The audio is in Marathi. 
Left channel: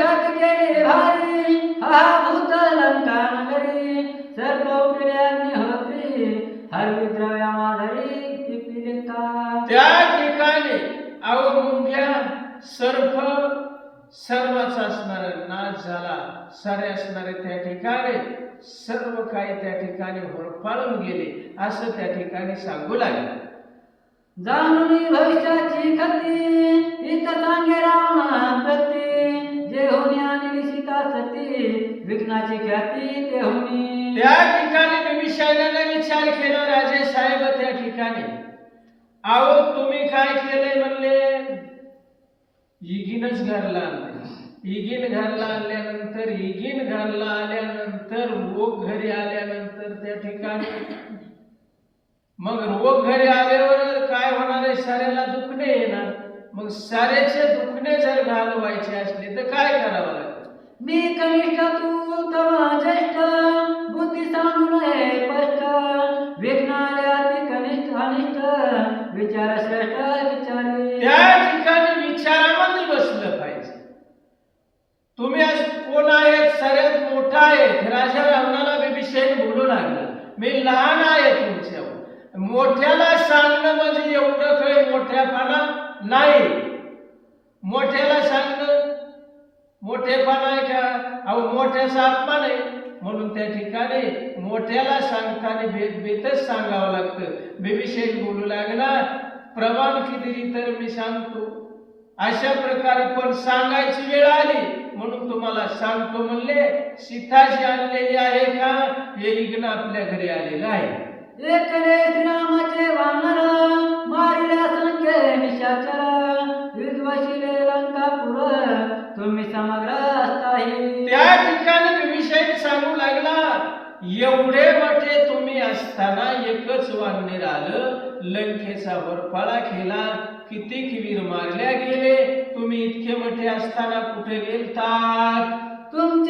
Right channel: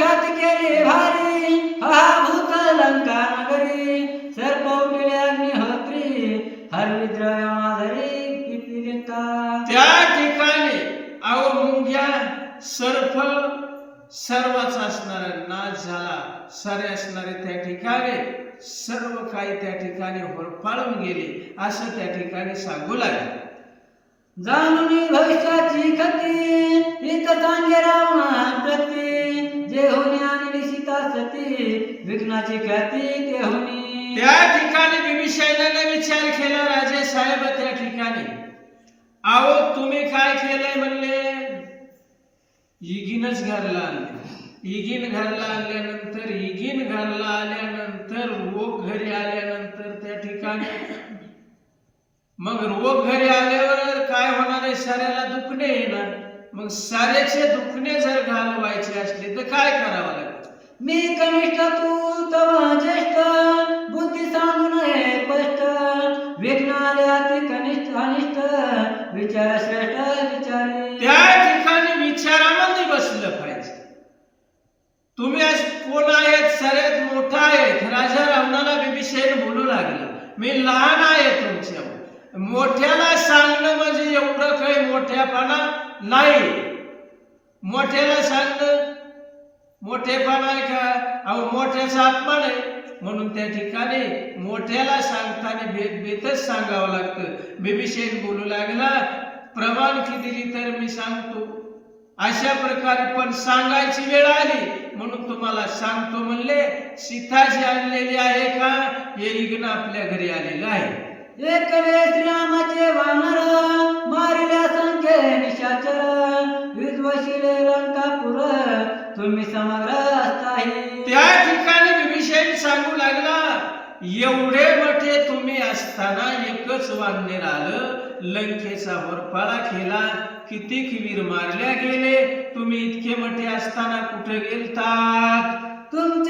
ख्याती केली भारी हा भूत लंका नगरी सर्प उठले अग्निहोत्री हरवी द्रव्या माधरी किती लिंका. त्या ठिकाणी अहो सर्प सर्वच असणार नाश झाला. सारे असणारे त्या ठिकाणी सर्व काही त्या ठिकाणी होरपाळून गेले असं त्या ठिकाणी सांगू लागले. जाणून भविष्याची विघ्नाची ख्याती देहुनी. त्या ठिकाणी बिबिसायनाने विचार केला राजे साहेब त्या ठिकाणी. अहो तुम्ही काय केलंय? म्हणले. इगिनच घरला आणले. इगिन घरला आणल्यानंतर इगिन घरला आल्यानंतर रोग घरी आल्यानंतर त्या ठिकाणी. मग रोग घरी आल्यावर काय होणार आहे? साऱ्याला दुखणे येणार. मग साऱ्याचे दुखणे जर घालवायचे असले तर काय करावं लागेल? मी कनिष्ठ तू तव ज्येष्ठ बुद्धी सांगून स्पष्ट. विघ्न आले कनिष्ठ अनिष्ट विचार श्रेष्ठ विचारी. त्या ठिकाणी विचारामध्ये बसलं पाहिजे. तुम्ही आज कोण आहेत सर्वात मोठा आहेत राजा रावणाला बिभीषण बोलू लागला. मी लहान आहे तुमच्या. मोठ्याला सांगणं म्हणजे एवढं काही मोठ्यापणा नाही. मोठ्याला मोठेपणा आहे का अहो मोठ्याचा अपमान आहे म्हणून त्या ठिकाणी मोठ्याला सांगताना भेद भेदच सांगावं लागतं. बिभीषण बोलू लागला प्रमाण दिली तर मी सांगतो? अशा प्रकारे पण सांगायची वेळ आली. म्हणून तुम्हाला सांगतो म्हणले सीताजी आणलेली आहे का? हे इग्न आपल्या घरी आलेलं आहे. एकले रामाचे वानर समग्र त्या ठिकाणी विभीषण सांगू लागला. एवढे मोठे तुम्ही असताना एकच वानर आलं. लंकेचा वरपाळा केला किती वीर मारल्या गेले. तुम्ही इतके मोठे असताना कुठे गेलतात? तुमचे